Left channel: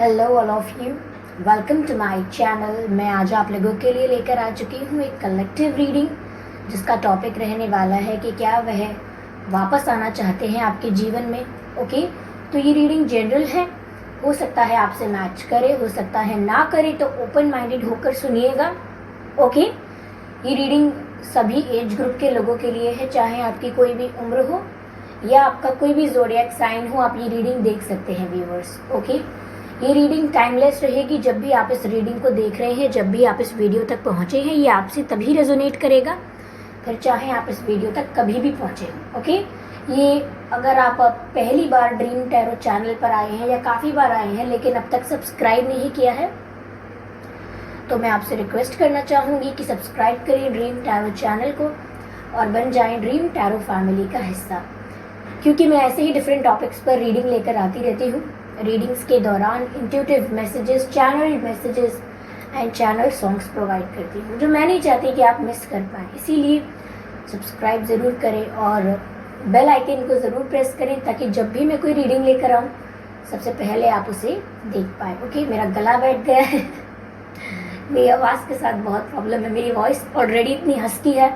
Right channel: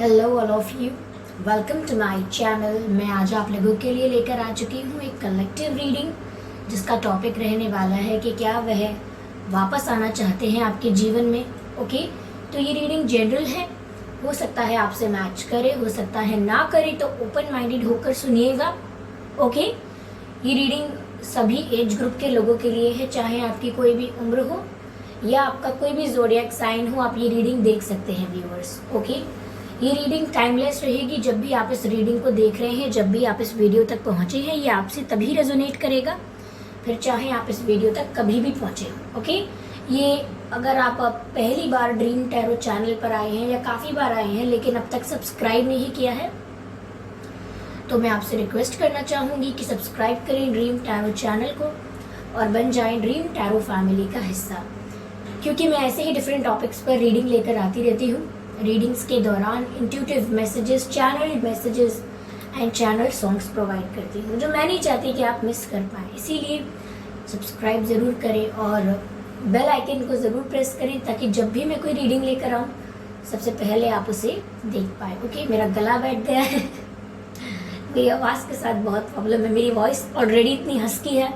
Hello all of you, welcome to my channel. मैं आज आप लोगों के लिए लेकर आ चुकी हूँ एक कलेक्टिव रीडिंग जिसका टॉपिक रहने वाला है कि क्या वह वापस आना चाहते हैं आपके जीवन में। ओके, तो ये रीडिंग जनरल है, हो सकता है आपसे मैच करे, हो सकता है ना करे, तो ओपन माइंडेड होकर सुनिएगा। ओके, ये रीडिंग सभी एज ग्रुप के लोगों के लिए है, चाहे आपकी कोई भी उम्र हो या आपका कोई भी ज़ोडिएक साइन हो, आप ये रीडिंग देख सकते हैं व्यूअर्स। ओके, ये रीडिंग टाइमलेस रहेगी। जब भी आप इस रीडिंग को देख रहे हैं, जब भी आप इस वीडियो तक पहुंचे हैं, ये आपसे तभी रेजोनेट करेगा, फिर चाहे आप इस वीडियो तक कभी भी पहुंचे। ओके, ये अगर आप पहली बार ड्रीम टैरो चैनल पर आए हैं या काफ़ी बार आए हैं लेकिन अब तक सब्सक्राइब नहीं किया है, तो मैं आपसे रिक्वेस्ट करना चाहूँगी कि सब्सक्राइब करें ड्रीम टैरो चैनल को और बन जाएं ड्रीम टैरो फैमिली का हिस्सा, क्योंकि मैं ऐसे ही डिफरेंट टॉपिक्स पर रीडिंग लेकर आती रहती हूँ। रीडिंग्स के दौरान intuitive messages, channel messages and channel songs provide करती हूँ, जो मैं नहीं चाहती कि आप मिस कर पाएँ। इसीलिए सब्सक्राइब ज़रूर करें और बेल आइकन को ज़रूर प्रेस करें ताकि जब भी मैं कोई रीडिंग लेकर आऊँ सबसे पहले आप उसे देख पाए। ओके, मेरा गला बैठ गया है मेरी आवाज़ के साथ बहुत प्रॉब्लम है। मेरी वॉइस ऑलरेडी इतनी हस्की है,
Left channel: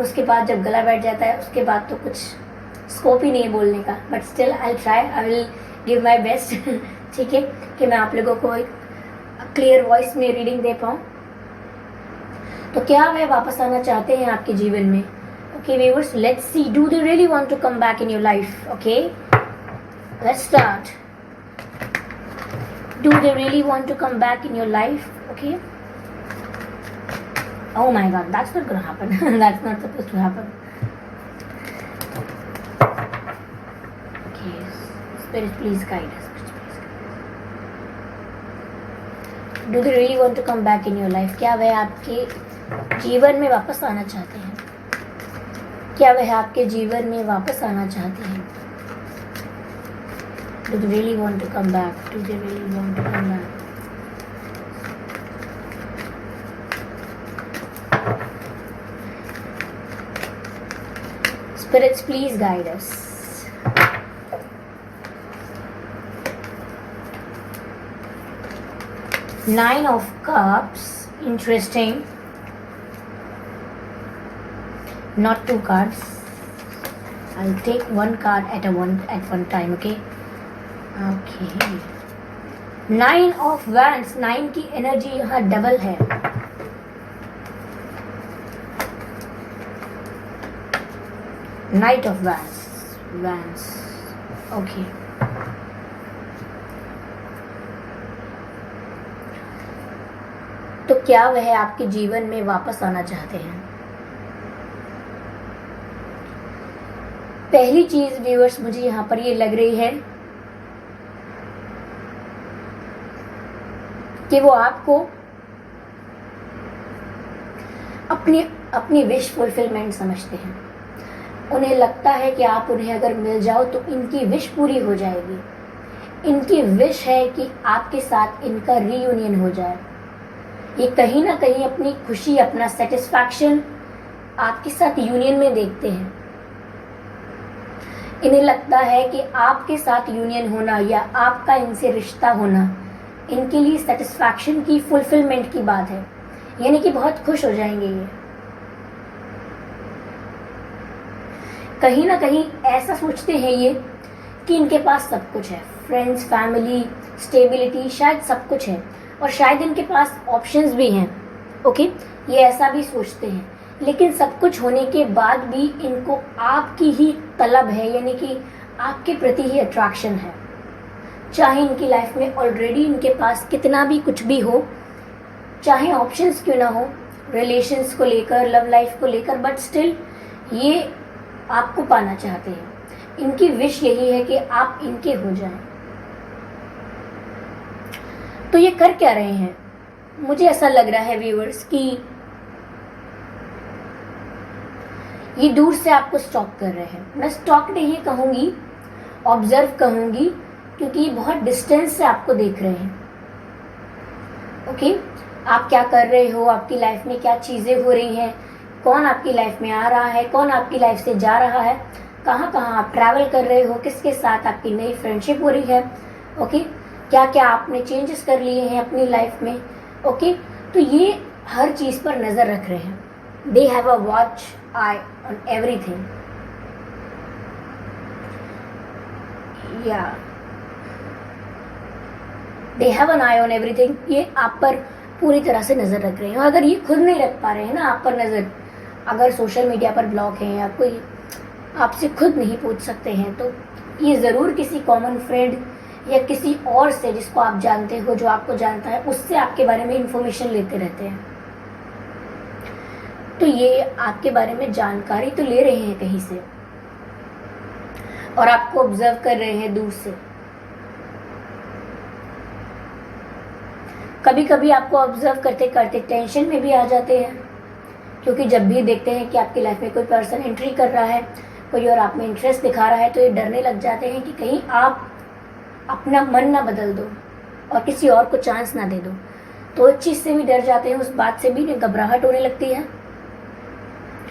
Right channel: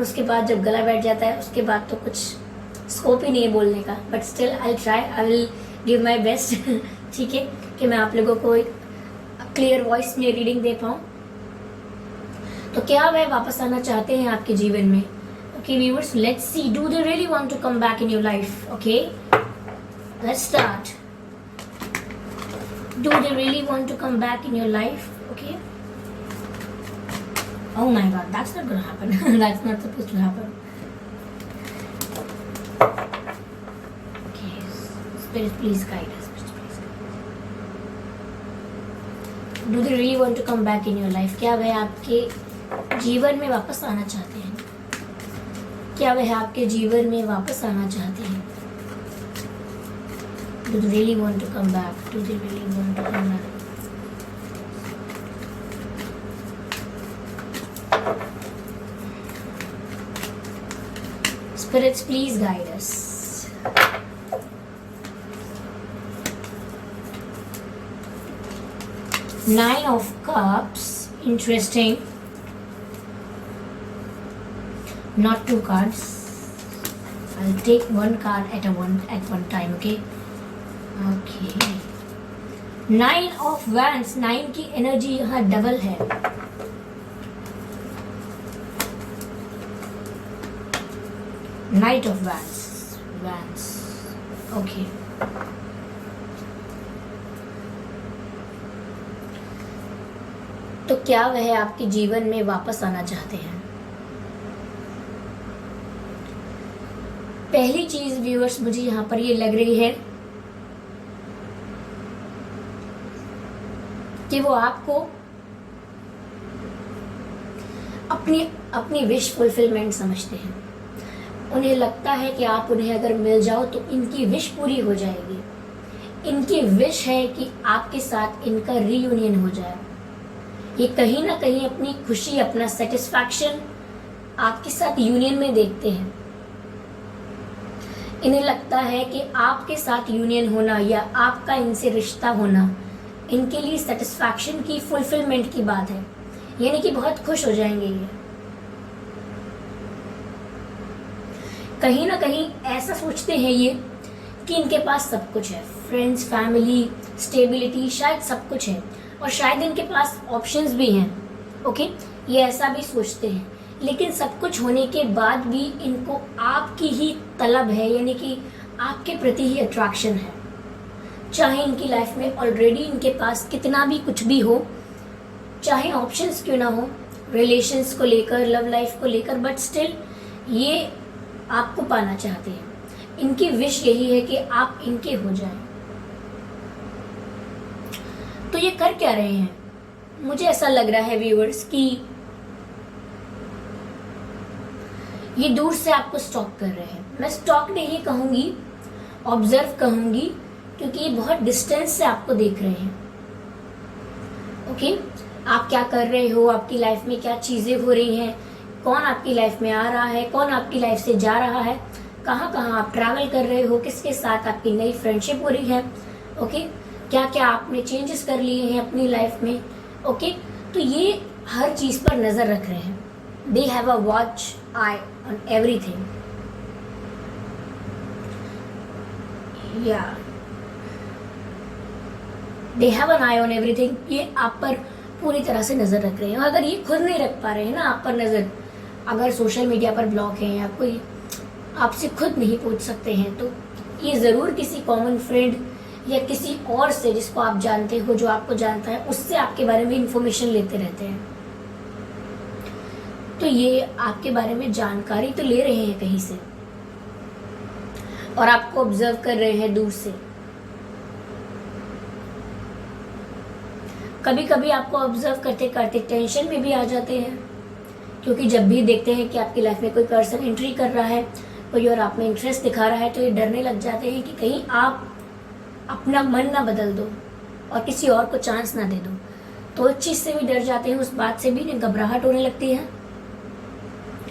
उसके बाद जब गला बैठ जाता है उसके बाद तो कुछ स्कोप ही नहीं है बोलने का, but still I try, I will give my best. ठीक है, कि मैं आप लोगों को एक क्लियर वॉइस में रीडिंग दे पाऊँ। तो क्या वह वापस आना चाहते हैं आपके जीवन में? Okay viewers, let's see, do they really want to come back in your life? Okay, let's start. Do they really want to come back in your life? Okay, oh my god, that's not gonna happen. That's not supposed to happen. Okay, spirit, please guide us. Do they really want to come back in your life? क्या वह आपके जीवन में वापस आना चाहते हैं? क्या वह आपके जीवन में वापस आना चाहते हैं? Do they really want to come back? Do they really want to come back? Spirits, please guide us. Nine of Cups, interesting. Not two cards. I'll take one card at one time. Okay. Okay. Nine of Wands. 9 की energy यहाँ double है। Knight of Wands. Okay. तो क्या वह आपके जीवन में वापस आना चाहते हैं? पहली चीज व्यूअर्स मुझे यहाँ पर ये लग रही है कि वो आपको अपनी विश फुलफिलमेंट समझते हैं। उन्हें लगता है कि आप उन्हें अगर मिल जाओ तो इनकी विश पूरी हो जाएगी। इनकी विश है कि आपके साथ इनका रीयूनियन हो जाए। ये कहीं ना कहीं अपनी खुशी, अपना सेटिस्फैक्शन आपके साथ यूनियन में देखते हैं। इन्हें लगता है कि आपके साथ यूनियन होना या आपका इनसे रिश्ता होना इनके लिए सेटिस्फैक्शन की, फुलफिलमेंट की बात है, यानी कि बहुत खुश हो जाएंगे ये। कहीं ना कहीं ऐसा सोचते हैं ये कि इनके पास सब कुछ है, फ्रेंड्स, फैमिली, स्टेबिलिटी, शायद सब कुछ है और शायद इनके पास ऑप्शंस भी हैं। ओके, ये ऐसा भी सोचते हैं, लेकिन सब कुछ होने के बाद भी इनको आपकी ही तलब है, यानी कि आपके प्रति ही अट्रैक्शन है। चाहे इनकी लाइफ में ऑलरेडी इनके पास कितना भी कुछ भी हो, चाहे ऑप्शंस क्यों ना हो, रिलेशंस को लेकर, लव लाइफ को लेकर, बट स्टिल ये आपको पाना चाहते हैं। इनकी विश यही है कि आप इनके हो जाएं। तो ये कर क्या रहे हैं? मुझे ऐसा लग रहा है व्यूअर्स कि ये दूर से आपको स्टॉक कर रहे हैं। मैं स्टॉक नहीं कहूंगी, ऑब्जर्व कहूंगी, क्योंकि ये बहुत डिस्टेंस से आपको देख रहे हैं। ओके, आप क्या कर रहे हो, आपकी लाइफ में क्या चीजें हो रही हैं, कौन आपकी लाइफ में आ रहा है, कौन आपकी लाइफ से जा रहा है, कहाँ कहाँ आप ट्रैवल कर रहे हो, किसके साथ आपकी नई फ्रेंडशिप हो रही है। ओके, क्या क्या आपने चेंजेस कर लिए हैं अपनी लाइफ में। ओके, तो ये हर चीज पर नजर रख रहे हैं। They have a watch eye on everything. या they have an eye on everything. ये आप पर पूरी तरह से नजर रख रहे हैं। और अगर ये खुद नहीं रख पा रहे हैं ना आप पर नजर, अगर सोशल मीडिया पर ब्लॉक है या कोई आपसे खुद नहीं पूछ सकते हैं, तो ये जरूर किसी कॉमन फ्रेंड या किसी और से जिसको आप जानते हो, जो आपको जानता है, उससे आपके बारे में इंफॉर्मेशन लेते रहते हैं। तो ये आपके बारे में जानकारी तो ले रहे हैं कहीं से और आपको ऑब्जर्व कर रहे हैं दूर से। कभी कभी आपको ऑब्जर्व करते करते टेंशन में भी आ जाते हैं, क्योंकि जब भी देखते हैं कि आपकी लाइफ में कोई पर्सन एंट्री कर रहा है, कोई और आप में इंटरेस्ट दिखा रहा है, तो ये डरने लग जाते हैं कि कहीं आप अपना मन ना बदल दो और किसी और को चांस ना दे दो। तो उस चीज से भी डर जाते हैं, उस बात से भी घबराहट होने लगती है।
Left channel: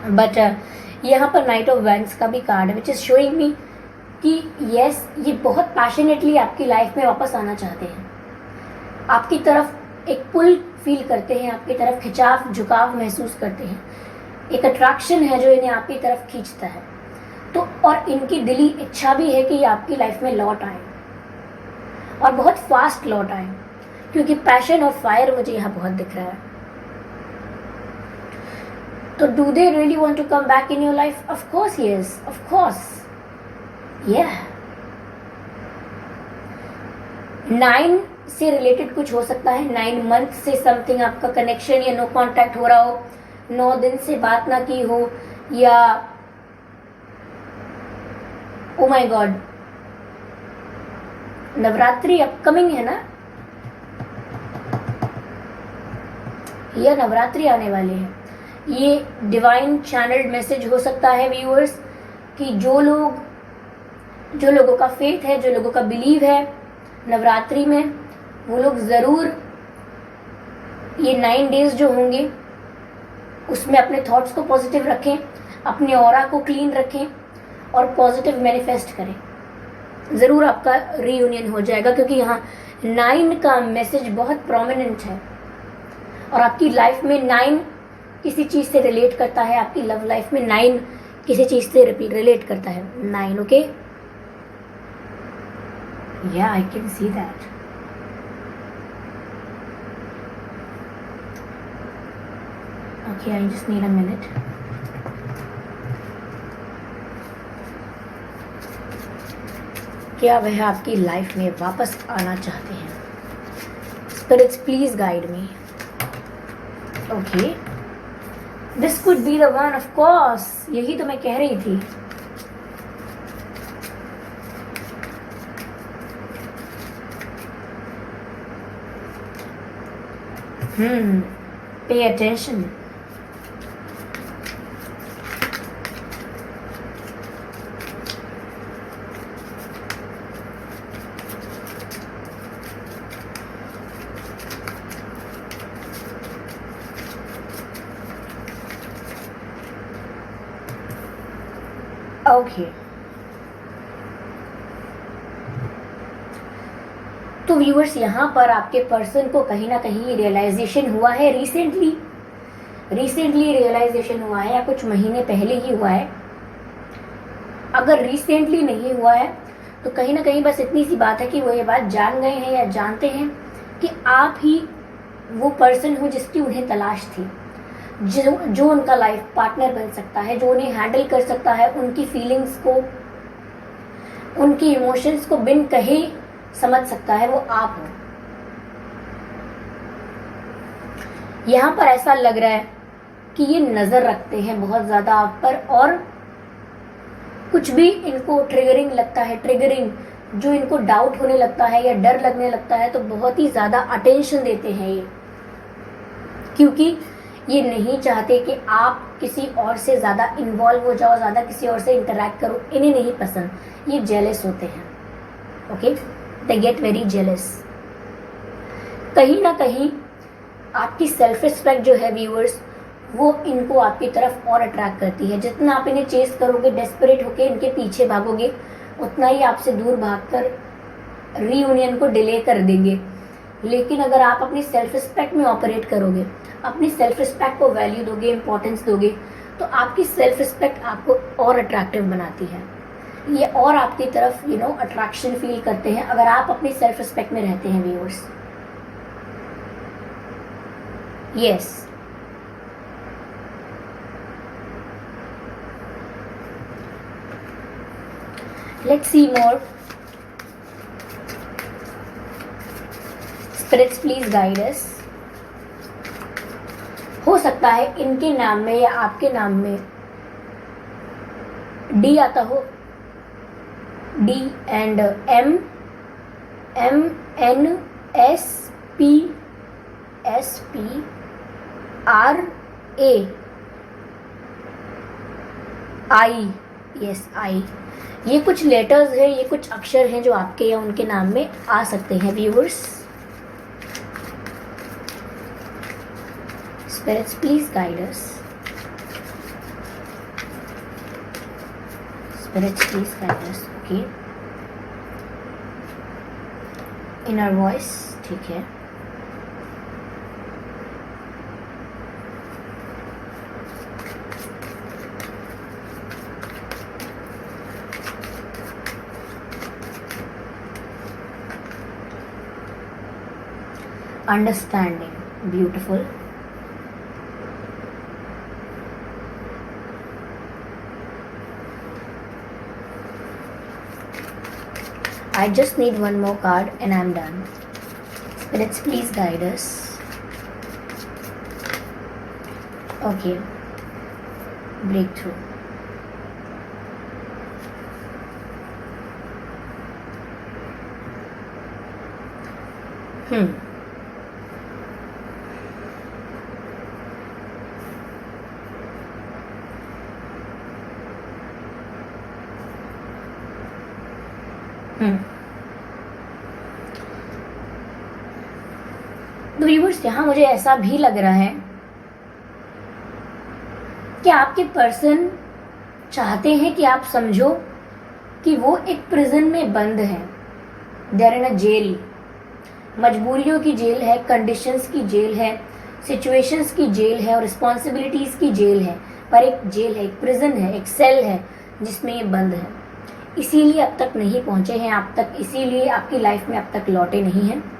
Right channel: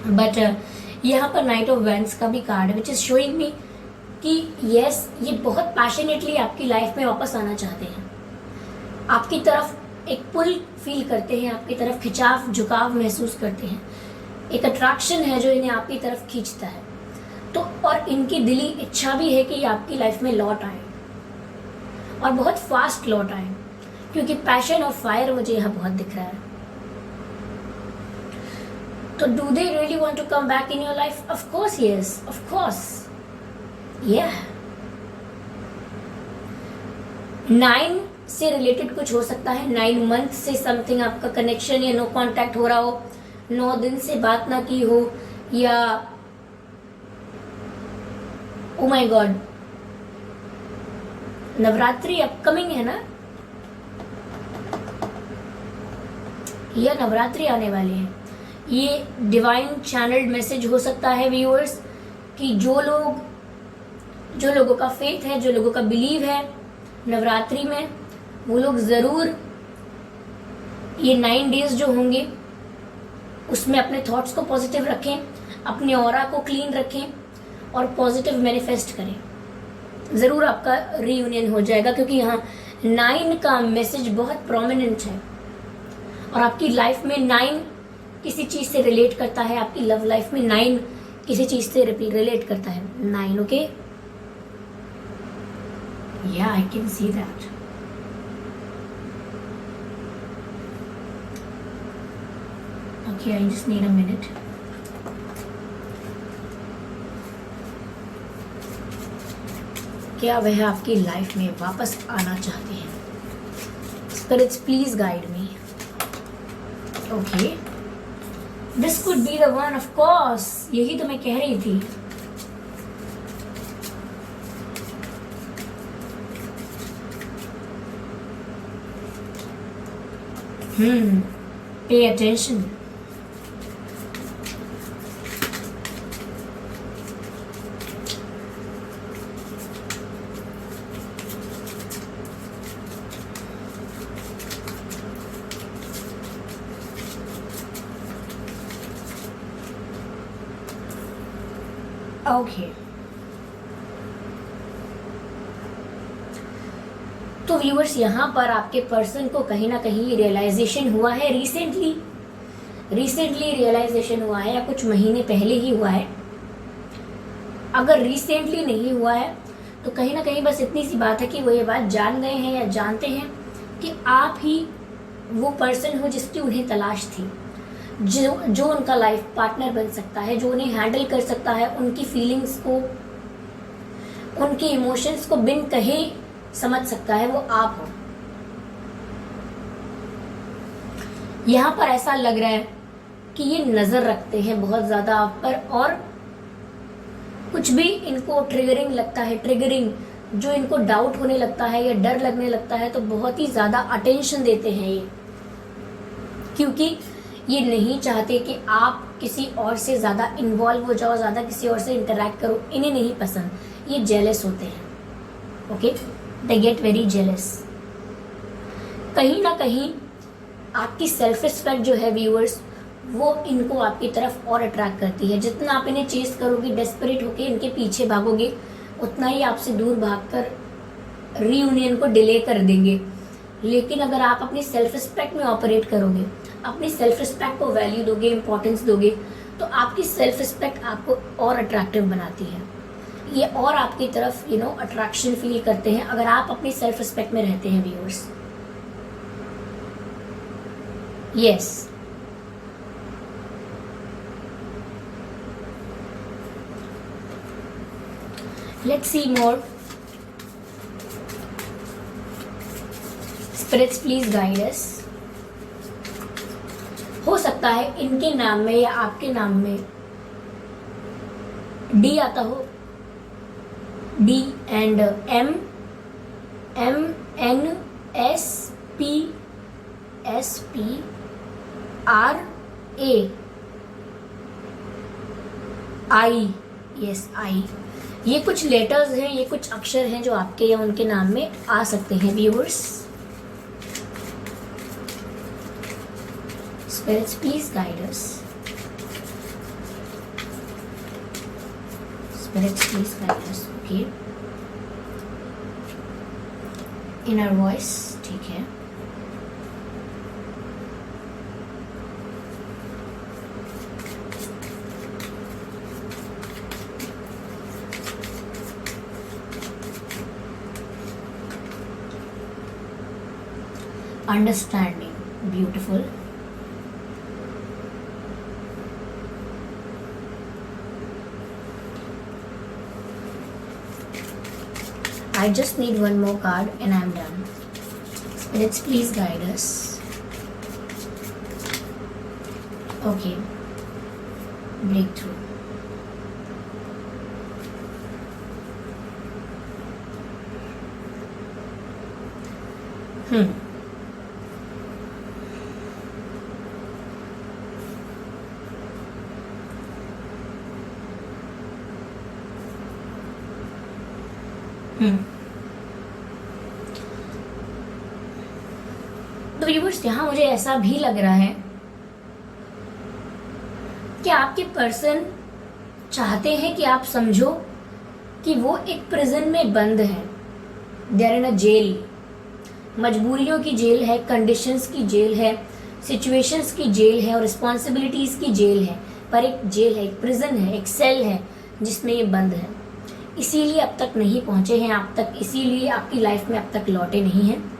बट यहाँ पर नाइट ऑफ वैंड्स का भी कार्ड है, विच इज शोइंग मी कि यस, ये बहुत पैशनेटली आपकी लाइफ में वापस आना चाहते हैं। आपकी तरफ एक पुल फील करते हैं, आपकी तरफ खिंचाव झुकाव महसूस करते हैं। एक अट्रैक्शन है जो इन्हें आपकी तरफ खींचता है। तो और इनकी दिली इच्छा भी है कि ये आपकी लाइफ में लौट आए और बहुत फास्ट लौट आए, क्योंकि पैशन और फायर मुझे यहाँ बहुत दिख रहा है। तो do they really want to come back in your life? Of course yes, of course. या 9 से रिलेटेड कुछ हो सकता है। 9 मंथ से समथिंग आपका कनेक्शन या नो कांटेक्ट हो रहा हो, 9 दिन से बात ना की हो, या oh my God, Navratri upcoming है ना, या नवरात्रि आने वाले हैं। ये डिवाइन चैनल्ड मैसेज हो सकता है व्यूअर्स, कि जो लोगों का फेथ है, जो लोगों का बिलीव है नवरात्रि में, वो लोग जरूर ये 9 डेज जो होंगे उसमें अपने थॉट्स को पॉजिटिव रखें, अपने ऑरा को क्लीन रखें और पॉजिटिव मैनिफेस्ट करें। जरूर आपका रीयूनियन हो जाएगा, क्योंकि यहाँ 9 का मैसेज बहुत प्रोमिनेंट है और आपकी लाइफ में 9 किसी चीज से रिलेट करता है। आपकी लव लाइफ में 9 किसी चीज से रिलेट करता है। 9, ओके, या I can see that. Okay, I just need a minute. क्या वह आपकी लाइफ में वापस आना चाहते हैं? Spirits, please guide me. Okay. This could be the one, of course. यही तो मैं कह रही थी। Pay attention. ओके, तो व्यूअर्स, यहाँ पर आपके पर्सन को कहीं ना कहीं रियलाइजेशन हुआ है रिसेंटली रियलाइजेशन हुआ है, या कुछ महीने पहले ही हुआ है। अगर रिसेंटली नहीं हुआ है तो कहीं ना कहीं बस इतनी सी बात है कि वो ये बात जान गए हैं या जानते हैं कि आप ही वो पर्सन हो जिसकी उन्हें तलाश थी, जो उनका लाइफ पार्टनर बन सकता है, जो उन्हें हैंडल कर सकता है, उनकी फीलिंग्स को, उनकी इमोशंस को बिन कहे समझ सकता है, वो आप हो। यहाँ पर ऐसा लग रहा है कि ये नजर रखते हैं बहुत ज्यादा आप पर, और कुछ भी इनको ट्रिगरिंग लगता है, जो इनको डाउट होने लगता है या डर लगने लगता है, तो बहुत ही ज्यादा अटेंशन देते हैं ये, क्योंकि ये नहीं चाहते कि आप किसी और से ज्यादा इन्वॉल्व हो जाओ, ज्यादा किसी और से इंटरैक्ट करो। इन्हें नहीं पसंद, ये जेलस होते हैं। Okay, they get very jealous. कहीं ना कहीं आपकी सेल्फ रिस्पेक्ट जो है व्यूअर्स, वो इनको आपकी तरफ और अट्रैक्ट करती है। जितना आप इन्हें चेस करोगे, डेस्परेट होके इनके पीछे भागोगे, उतना ही आपसे दूर भागकर रीयूनियन को डिले कर देंगे। लेकिन अगर आप अपनी सेल्फ रिस्पेक्ट में ऑपरेट करोगे, अपनी सेल्फ रिस्पेक्ट को वैल्यू दोगे, इंपॉर्टेंस दोगे, तो आपकी सेल्फ रिस्पेक्ट आपको और अट्रैक्टिव बनाती है। ये और आपकी तरफ अट्रैक्शन फील करते हैं अगर आप अपनी सेल्फ रिस्पेक्ट में रहते हैं viewers. Yes, let's see more. Spirits please guide us. हो सकता है इनके नाम में या आपके नाम में डी आता हो, D and M, M N S P, S P R A, I, yes I. ये कुछ लेटर्स हैं, ये कुछ अक्षर हैं जो आपके या उनके नाम में आ सकते हैं viewers. Spirits please guide us. Spirits please guide us. Okay, inner voice, ठीक है। Understanding, beautiful. I just need one more card and I'm done. Spirits, please guide us. Okay. Breakthrough. तो व्यूअर्स, यहाँ मुझे ऐसा भी लग रहा है कि आपके पर्सन चाहते हैं कि आप समझो कि वो एक प्रिजन में बंद है। They are in a jail. मजबूरियों की जेल है, कंडीशंस की जेल है, सिचुएशंस की जेल है और रिस्पॉन्सिबिलिटीज की जेल है। पर एक जेल है, एक प्रिजन है, एक सेल है जिसमें ये बंद है। इसीलिए अब तक नहीं पहुंचे हैं आप तक, इसीलिए आपकी लाइफ में अब तक लौटे नहीं हैं।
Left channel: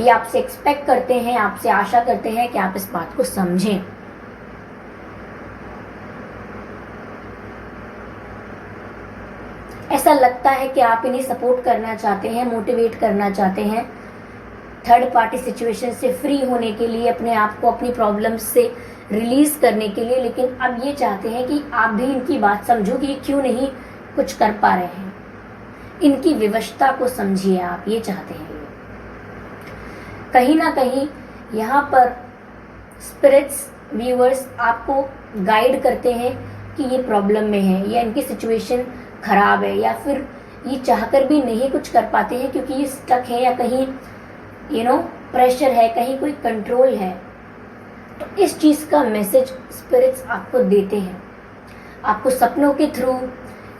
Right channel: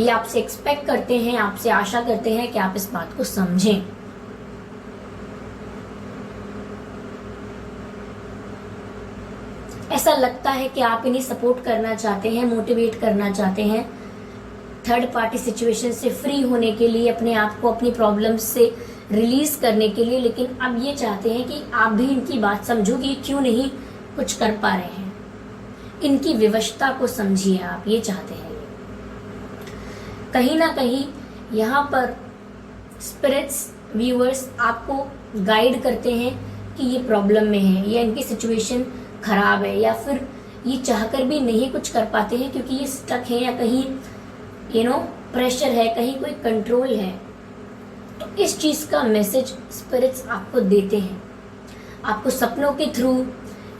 ये आपसे एक्सपेक्ट करते हैं, आपसे आशा करते हैं कि आप इस बात को समझें। ऐसा लगता है कि आप इन्हें सपोर्ट करना चाहते हैं, मोटिवेट करना चाहते हैं, थर्ड पार्टी सिचुएशन से फ्री होने के लिए, अपने आप को अपनी प्रॉब्लम्स से रिलीज करने के लिए। लेकिन अब ये चाहते हैं कि आप भी इनकी बात समझो कि क्यों नहीं कुछ कर पा रहे हैं। इनकी विवशता को समझिए आप, ये चाहते हैं। कहीं ना कहीं यहाँ पर स्पिरिट्स, व्यूअर्स आपको गाइड करते हैं कि ये प्रॉब्लम में है या इनकी सिचुएशन खराब है, या फिर ये चाहकर भी नहीं कुछ कर पाते हैं क्योंकि ये स्टक है, या कहीं प्रेशर है, कहीं कोई कंट्रोल है। तो इस चीज का मैसेज स्पिरिट्स आपको देते हैं, आपको सपनों के थ्रू,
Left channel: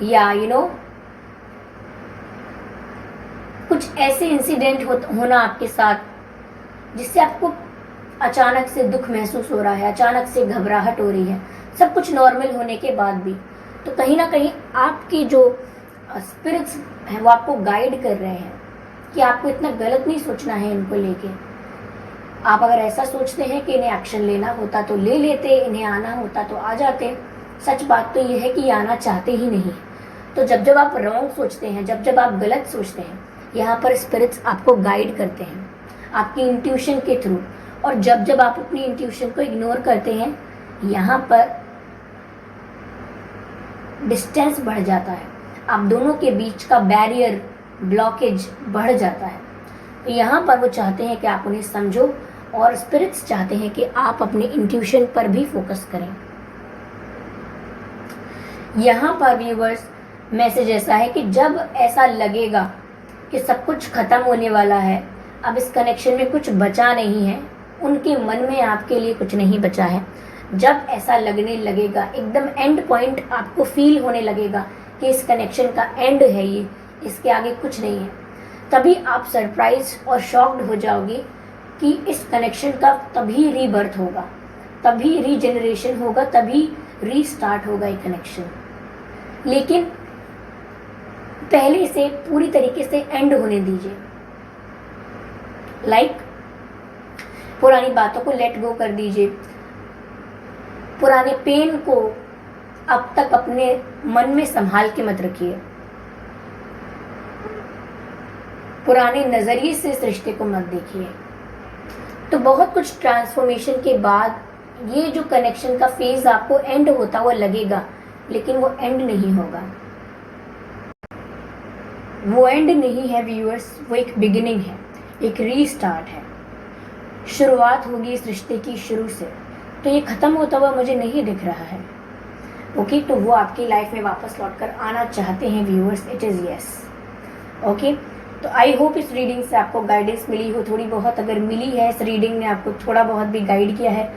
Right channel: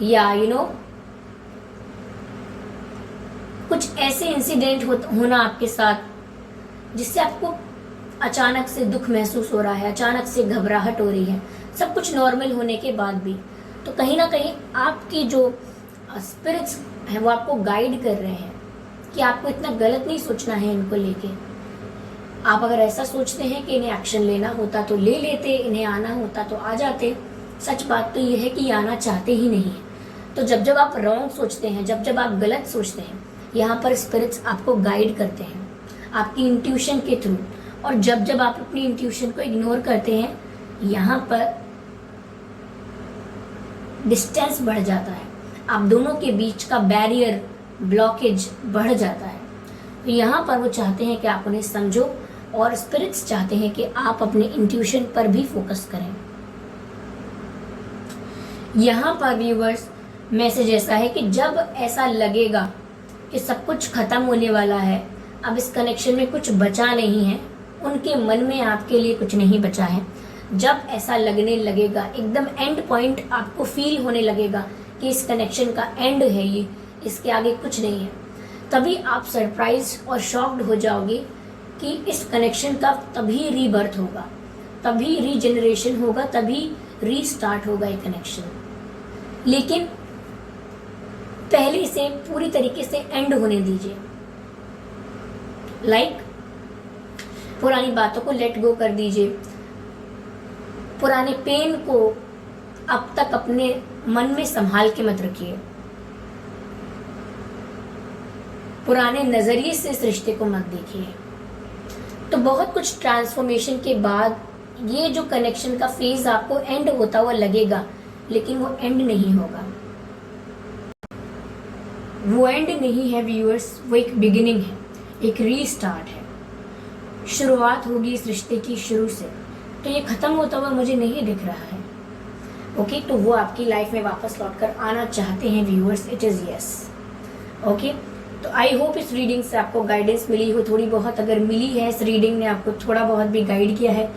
या कुछ ऐसे इंसिडेंट होना आपके साथ जिससे आपको अचानक से दुख महसूस हो रहा है, अचानक से घबराहट हो रही है, सब कुछ नॉर्मल होने के बाद भी। तो कहीं ना कहीं आपके जो स्पिरिट्स हैं वो आपको गाइड कर रहे हैं कि आपको इतना गलत नहीं सोचना है इनको लेके। आप अगर ऐसा सोचते हैं कि इन्हें एक्शन लेना होता तो ले लेते, इन्हें आना होता तो आ जाते। सच बात तो ये है कि ये आना चाहते ही नहीं है। तो जब जब आप रॉन्ग सोचते हैं, जब जब आप गलत सोचते हैं, यहाँ पर स्पिरिट्स आपको गाइड करते हैं आपकी इंट्यूशन के थ्रू। और जब जब आप अपनी इंट्यूशन को इग्नोर करते हैं, यहाँ पर डिस्टेंस बढ़ जाता है, आप दोनों के बीच का बैरियर, ब्लॉकेज बढ़ जाता है। तो यहाँ पर वो चाहते हैं कि आप उन्हें समझो, और स्पिरिट्स चाहते हैं कि आप अपने इंट्यूशन पर भी फोकस करें। यहाँ पर व्यूअर्स मैसेज ऐसा है कि जब ऐसा लगेगा कि सब कुछ खत्म होने वाला है, अब इस कनेक्शन में कुछ बचा नहीं है, उनके मन में आपके लिए कुछ नहीं बचा है, जब ऐसा लगने लगेगा, एकदम एंड पॉइंट आपको फील होने लगेगा कि इस कनेक्शन का एंड है ये, इसके आगे कुछ नहीं है, तभी आप सरप्राइज और शॉक्ड हो जाओगे कि इस कनेक्शन का तभी रीबर्थ होगा, तभी रीजनरेशन होगा, तभी रीस्टार्ट होगा ये कनेक्शन। लेकिन पहले इसे पूरी तरीके से एंड होने दीजिए। पुरानी बातों को लेट गो कर दीजिए, पुराने पेन को अब तक अपने मन में संभाल के मत रखिए, पुराने नजरिए से इस रिश्ते को मत देखिए। तो बहुत कुछ ट्रांसफॉर्मेशन के बाद ये जो कनेक्शन का फेज आपको एंड होता हुआ लगेगा, लेकिन वो एंड नहीं होगा, वो एंड नहीं है व्यूअर्स, वो एक बिगिनिंग है, एक रीस्टार्ट है। शुरुआत होगी इस रिश्ते की शुरू से। तो ये खत्म होता हुआ मुझे नहीं दिख रहा है। ओके, तो वो आपकी लाइफ में वापस लौट कर आना चाहते हैं viewers, it is yes. Okay, तो आई होप इस रीडिंग से आपको गाइडेंस मिली हो, थोड़ी बहुत अगर मिली है, इस रीडिंग ने आपको थोड़ा बहुत भी गाइड किया है,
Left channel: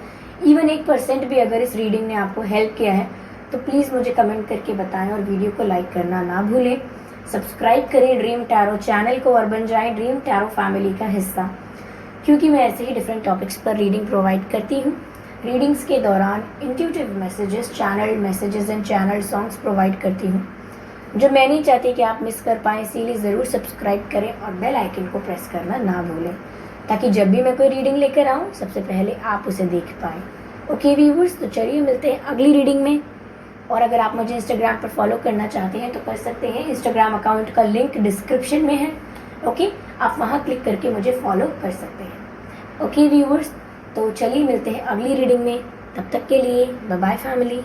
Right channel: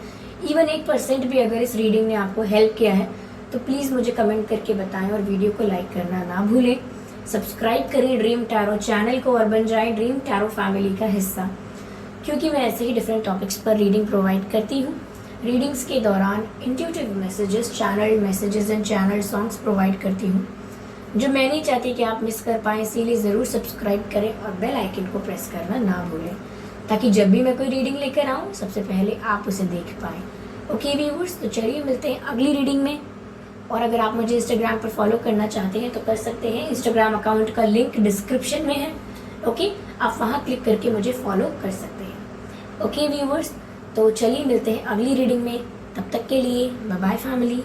इवन 1% भी अगर इस रीडिंग ने आपको हेल्प किया है, तो प्लीज मुझे कमेंट करके बताएं और वीडियो को लाइक करना ना भूलें। सब्सक्राइब करें ड्रीम टैरो चैनल को और बन जाएं ड्रीम टैरो फैमिली का हिस्सा, क्योंकि मैं ऐसे ही डिफरेंट टॉपिक्स पर रीडिंग प्रोवाइड करती हूँ। रीडिंग्स के दौरान intuitive messages, channel messages and channel songs provide करती हूँ, जो मैं नहीं चाहती कि आप मिस कर पाएँ। इसीलिए ज़रूर सब्सक्राइब करें और बेल आइकन को प्रेस करना ना भूलें, ताकि जब भी मैं कोई रीडिंग लेकर आऊँ सबसे पहले आप उसे देख पाएँ। ओके व्यूअर्स, तो चलिए मिलते हैं अगली रीडिंग में। और अगर आप मुझे इंस्टाग्राम पर फॉलो करना चाहते हैं तो कर सकते हैं, इंस्टाग्राम अकाउंट का लिंक डिस्क्रिप्शन में है। ओके, आप वहाँ क्लिक करके मुझे फॉलो कर सकते हैं। ओके व्यूअर्स, तो चलिए मिलते हैं अगली रीडिंग में। तब तक के लिए बाय बाय फैमिली।